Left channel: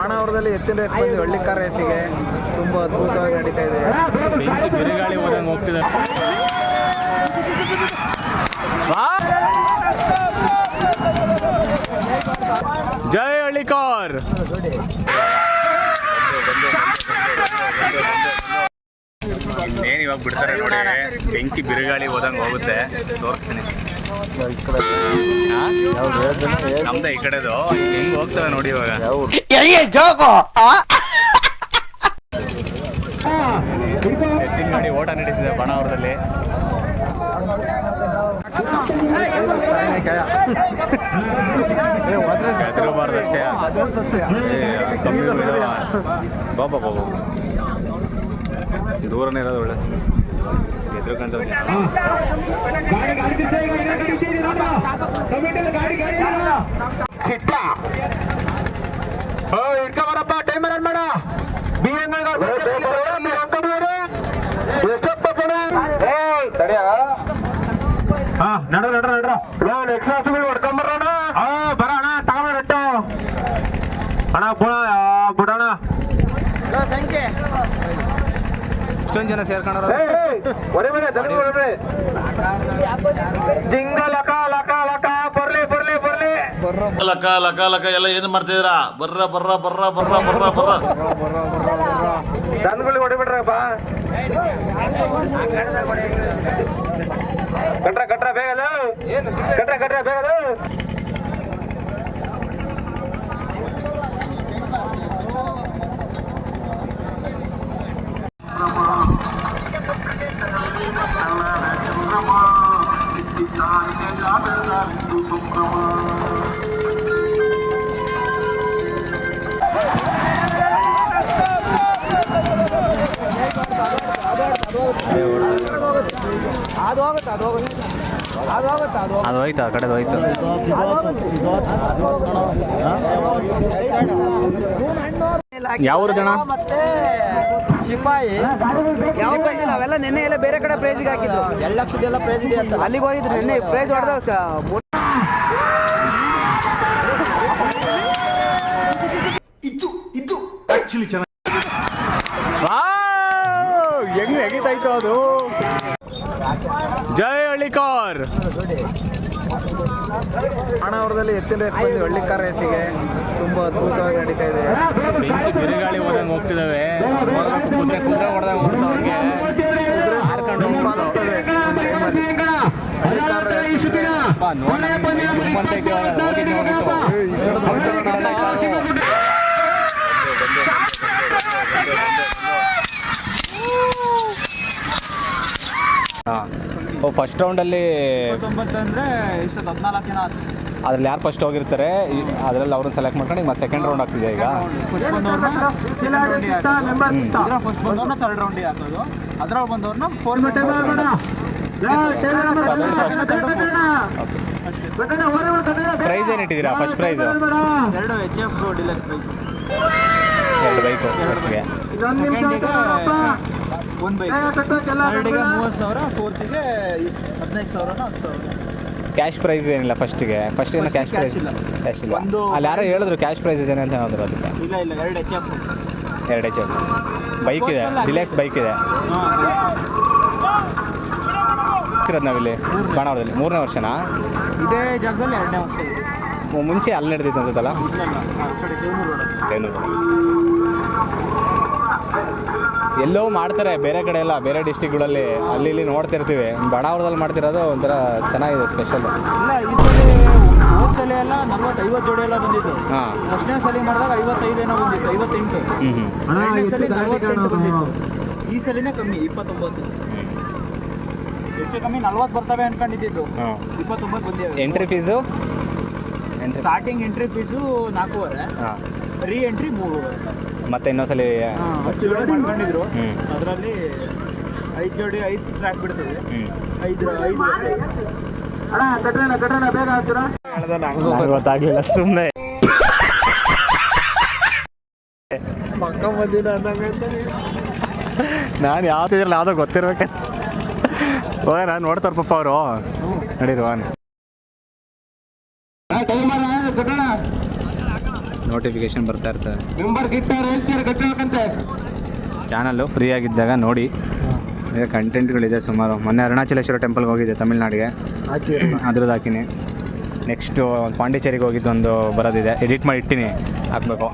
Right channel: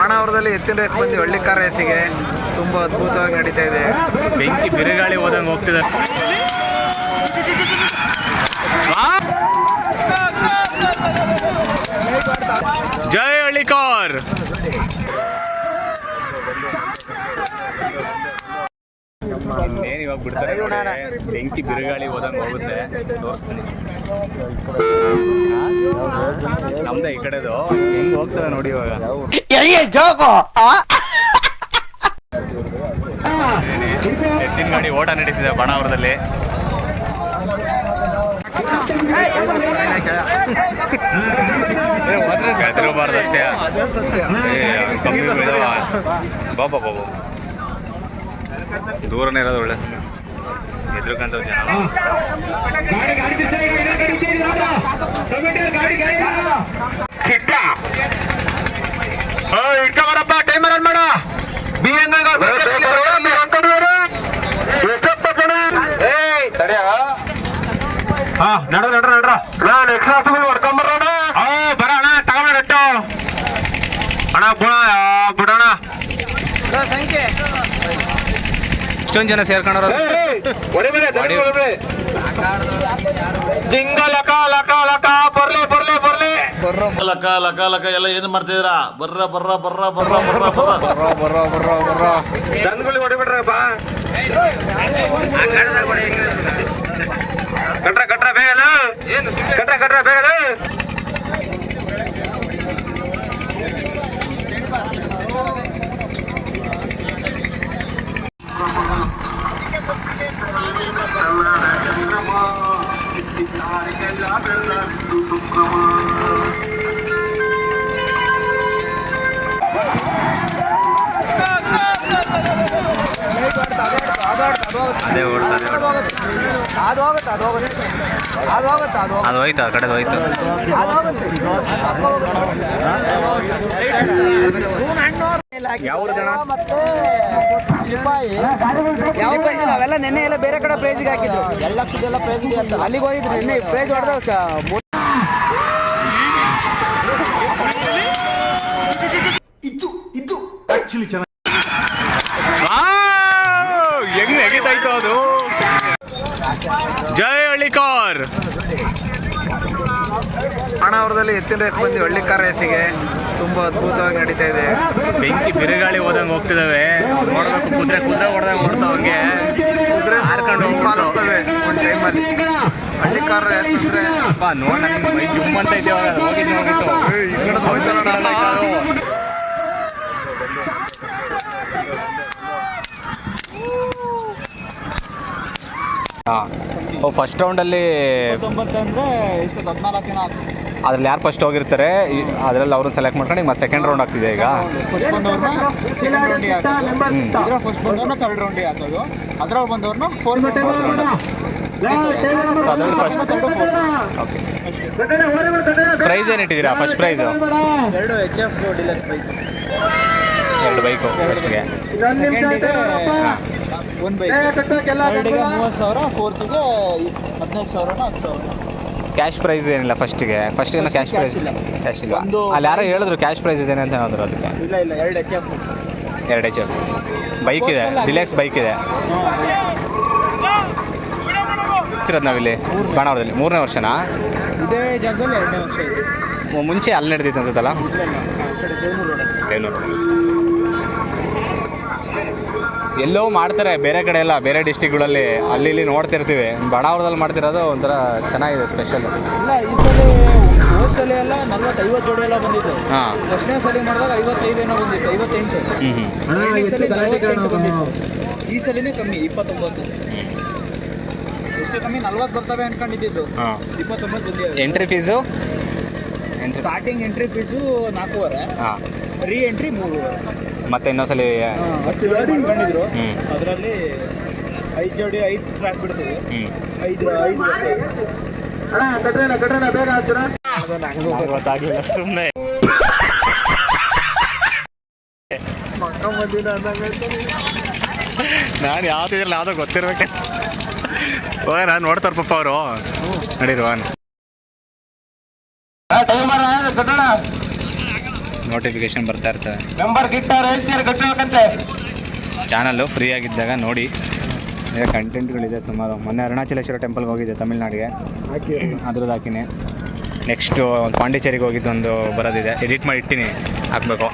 ಬಾಣಾವರದಲ್ಲಿ ಎತ್ತಿನ ರೇಸ್ ಬಂದು ಹಳ್ಳಿಕಾರ ರೇಸಿಗೆ ತುಂಬ ಅದ್ಭುತವಾಗಿ ನಡೀತಾ ಇದೆ. ಬೆಂಕಿ ಬಿರುಗಾಳಿ ಹೋದಂಗೆ ಹೋಗ್ತಿದೆ. ಜೈ ಹಳ್ಳಿಕಾರ್. ಇನ್ನೇನು ಇವಾಗ ಬಿಡ್ತಾರೆ ನೋಡಿ, ಬೆಂಕಿ ಬಿರುಗಾಳಿ ಹೋದಂಗೆ ಹೋಗುತ್ತೆ. ತೋರಿಸ್ತೀನಿ, ನಮ್ದೇ ಈ ಕಡೆದು ಹೆಂಗ್ ಹೋಗ್ತವೆ ನೋಡಿ. ಇವಾಗ ಎತ್ತಿನ ಗಾಡಿ ಓಟ ನಡೀತಿದೆ ಬಾಣಾವರದಲ್ಲಿ. ಹೆದರಬಾರ್ದಷ್ಟೇ, ಕಮ್ಮಿ ಇದಾವ. ಬಾಬಾ ಬಾಬಾ ದೂರನೇ ಇರೋದು ಒಳ್ಳೆ ಎದ್ರಕಂತ ಜನ. ಇಟ್ಕೊಂಬರಪ್ಪ, ಟೈಮರ್ ಅನ್ ಮಾಡ. ಹೊಡ್ಕೊಂಬರೋಣ. ಬರೋಣ, ತಗೊಂಬರಟ್ಟು ಅಣ್ಣ. ಬಿಡೋಣ, ಇಷ್ಟೊಂದು ಜನ ಸೇರ್ಕೊಂಡ್ರ. ಜಿಂಗಲಕ ಲಕ ಲಕ ಬರ್ಲಿ ಬರ್ಲಿ ಬರ್ಲಿ ಲಕ ಲಕ ಲಕ ಎಲ್ಲ ಏನ್ ಮಾಡ್ತಿದ್ದೀರಾ? ಬರ್ರ ಬರ್ರ ಬರ್ರ ಬರ್ರ ಬರ್ರ ಬರ್ರ ಬರ್ರ ಬರ್ರ ಬರ್ರ ದನಗಳು ಹೊಡಿಬಿಡ್ರಪ್ಪ. ಕಟ್ರ ಕಟ್ರ ಬೇಗಲ್ಲ, ಕಟ್ರ ಕಟ್ರ ಬೇಗಲ್ಲ. ಅದೇ ಓಡ್ತಾರೆ. ಅದು ಹೋಗುತ್ತೆ, ಅದು ಹೋಗುತ್ತೆ, ಅದು ಹೋಗುತ್ತೆ, ಅದು ಅದು ಹೋಯ್ತು, ಆ ಕಡೆದು ಹೋಯ್ತು. ಯಾವ ಮತ್ತೆ ಶಿಪಾಯಿ ಯಾವ ಅವೆಲ್ಲ ನೆನ್ನೆ ಎಲ್ಲ ಬೇರೆ ಕಡೆ ಪ್ರೈಸಿಗೆ ಹಾಕಿದ್ರು. 2 ಲಕ್ಷದೆಲ್ಲ ಪ್ರೈಸ್ ಇದೆ ಅಂತ ಅಲ್ಲಿಗೆ ಹೋಗಿದ್ರು. ನೆನ್ನೆ ಪ್ರೈಸ್ ಹೊಡೆದ ಇದು ಆಕ್ಚುಲಿ ಚೆನ್ನಾಗಿ ಹೆಂಗ್ ನೆಗಿತಾಯ್ತು ಅದು. ಜೈ ಹಳ್ಳಿಕಾರ್. ಬಾಣಾವರದಲ್ಲಿ ಎತ್ತಿನ ರೇಸ್ ಬಂದು ಹಳ್ಳಿಕಾರ ರೇಸಿಗೆ ತುಂಬ ಅದ್ಭುತವಾಗಿ ನಡೀತಾ ಇದೆ. ಬೆಂಕಿ ಬಿರುಗಾಳಿ ಹೋದಂಗೆ ಹೋಗ್ತಿದ್ದಾವೆ. ನೋಡ್ಬೇಕು, ಕುದುರೆ ಕುದುರೆ ಹೊಡೆದಂಗೆ ನೋಡ್ತಾವಂಗೆ ಕುದುರೆ ಹಾರ್ಕೊಂಡು ಹೋಗ್ತವೆ ಒಂದು ಟೈಮಲ್ಲಿ. ಹಳ್ಳಿಕಾರ ರೇಸ್ ಅಂದ್ರೆ ನೋಡ್ ನನಗೆ ಮೈ ಜುಮ್ ಅಂತ ಐತೆ. ಹೋಗಿದ್ದು ನೋಡ್ಬಿಟ್ಟು ಈ ಕಡೆದು ಹೋಯ್ತಾರ. ಫಸ್ಟ್ ರೌಂಡಲ್ಲಿ ಅದ್ರಲ್ಲಿ ಯಾರು ಫಸ್ಟ್ ಹೋಗಿರ್ತಾರೆ ಅದರಲ್ಲಿ ಅವರು ಸೆಲೆಕ್ಟ್ ಮಾಡ್ಕೊಂಡು ಈಗ ಮತ್ತೆ ಸೆಕೆಂಡ್ ರೌಂಡ್ ಆಗ್ತಿದೆ. ಈಗ ಫಸ್ಟ್ ಬಂದವ್ರನ್ನ ಥರ್ಡ್ ರೌಂಡಿಗೆ ಹಾಕೋದು, ಅದ್ರಲ್ಲಿ ಬಂದವ್ರನ್ನ ಫೋರ್ತ್ ರೌಂಡ್. ಸೊ ಅದರಲ್ಲಿ ಫಸ್ಟ್ ಓಕೆ. ಪ್ರೈಸ್ ಏನು ಇಟ್ಟಿದ್ದೀರಾ? First price 2 HF deluxe bike, 2 bike ಫಸ್ಟ್ಗೆ. ಸೆಕೆಂಡಿಗೆ 1 ಬೈಕ್, ಥರ್ಡಿಗೆ 30,000, ಫೋರ್ತಿಗೆ 15,000, 10,000. ಕ್ಯಾಶ್ ಪ್ರೈಸ್ ಏನಿಲ್ಲ ಫಸ್ಟಿಗೆ ಕ್ಯಾಶ್ ಪ್ರೈಸ್ ಇಲ್ಲ. ಕ್ಯಾಶ್ ಇಲ್ಲ. ಅಲ್ಲಿ ಯಾರೋ ಹೇಳಿದ್ರು ಕ್ಯಾಶ್ ಪ್ರೈಸ್ ಇದೆ ಅಂತ ಹೇಳಿದ್ರು. ಅದಕ್ಕೆ ಇಲ್ಲ 2 HF 2 HF ಬೈಕ್ ಇದೆ, ಡಿಲೆಕ್ಸ್ ಬೈಕ್ ಇದೆ. ಇರೋದು ನಾವಿಲ್ಲಿ ಬಾಣಾವರದಲ್ಲಿ 3ನೇ ವರ್ಷನಾ? ಇದೇ ಜಾಗದಲ್ಲಿ 2ನೇ ವರ್ಷ ಇದೆ. ಮುಂಚೆ ಅಲ್ಲಿ ನಡೆದಿತ್ತು ಅನ್ಸುತ್ತಲ್ಲ, ದೇವನೂರು. ಎಲ್ಲೋ ಮಾಡ್ತಾರೆ ಬೇರೆ ಕಡೆ ಎಲ್ಲ, ಬೇರೆ ಡಿಸ್ಟಿಕ್ಗಳಲ್ಲಿ ಅಲ್ಲಿ ಇಲ್ಲಿ ನೋಡ್ತಿರ್ತೀವಿ. ಬಾಣಾವರದಲ್ಲಿ ಮಾಡ್ತಿರೋದು ಒಂಥರ ಚೆನ್ನಾಗಿದೆ, ಸ್ಪೆಷಲ್. ಇಲ್ಲ, ಈ ಸಲ ಹೋದ ಸಲ ಎಲ್ಲ 40-50 ಜೋಡಿ ಎಲ್ಲ ಬಂದಿತ್ತು. ಹಾಂ, ಫಸ್ಟ್ನೇ ಸಲ ಮಾಡಿದಾಗ 55 ಏನೋ ಬಂದಿತ್ತು, 58. ಎರಡನೇ ಸಲ 48 ಬಂದಿತ್ತು. ಈ ಸಲಿನೇ ಕಮ್ಮಿ 29. ಹೆಚ್ಚು ಕಮ್ಮಿ 40 ಬರ್ತವೆ ಅನ್ಕೊಂಡಿದ್ದು, 29 ಬಂದಿದೆ. Entry fees starting entry fees 4,500. ಹಾಂ, ರೀ ಎಂಟ್ರಿ 3,500. ಮತ್ತೆ ಇನ್ನೊಂದ್ಸಲಿ ಮಾಡ್ಕೊಂಡಿದ್ರು. ಅದರಲ್ಲಿ 5 ಜೋಡಿ 5 ಟ್ರ್ಯಾಕ್ ಬಿಡ್ತೀವಿ. 5 ಗೊತ್ತಾಗಲಿಲ್ಲ, ಸುಮ್ಮನೆ ನಾನು ಯಾವ್ದಿದ್ರಲ್ಲ ಯಾವುದೋ ಗೊತ್ತಿರ್ಬೇಕು. ನಾನು ನೋಡ್ತಾರ ಪಪ್ಪ ಅವರು ನಡೀರುವ ನೋಟಿಫಿಕೇಶನ್ ಬರ್ತಾ ಇರ್ತವೆ. ಚಾನಲ್ಲು ಫ್ರೀ ಆಗಿದ್ದಾಗ ನೋಡಿ. ಈಗ ಕಂಟೆಂಟ್ಗಳಿದೆ ಸುಮಾರು. ಮೊನ್ನೆ ಅರುಣಾಚಲೇಶ್ವರ ಟೆಂಪಲ್ಗೆ ಹೋಗಿದ್ದೆ ತಮಿಳ್ನಾಡಿಗೆ, ಅದ್ರದ್ದು ಹಾಕಿನಿ. ನೆಕ್ಸ್ಟು ಪಾಂಡಿಚೇರಿಗೆ ಹೋಗಿದ್ದು ಒಂದು ಬರೋದಿದೆ, ಎಡಿಟ್ ಮಾಡಿ ಇಟ್ಟಿನಿ, ಹಾಕಬೇಕು.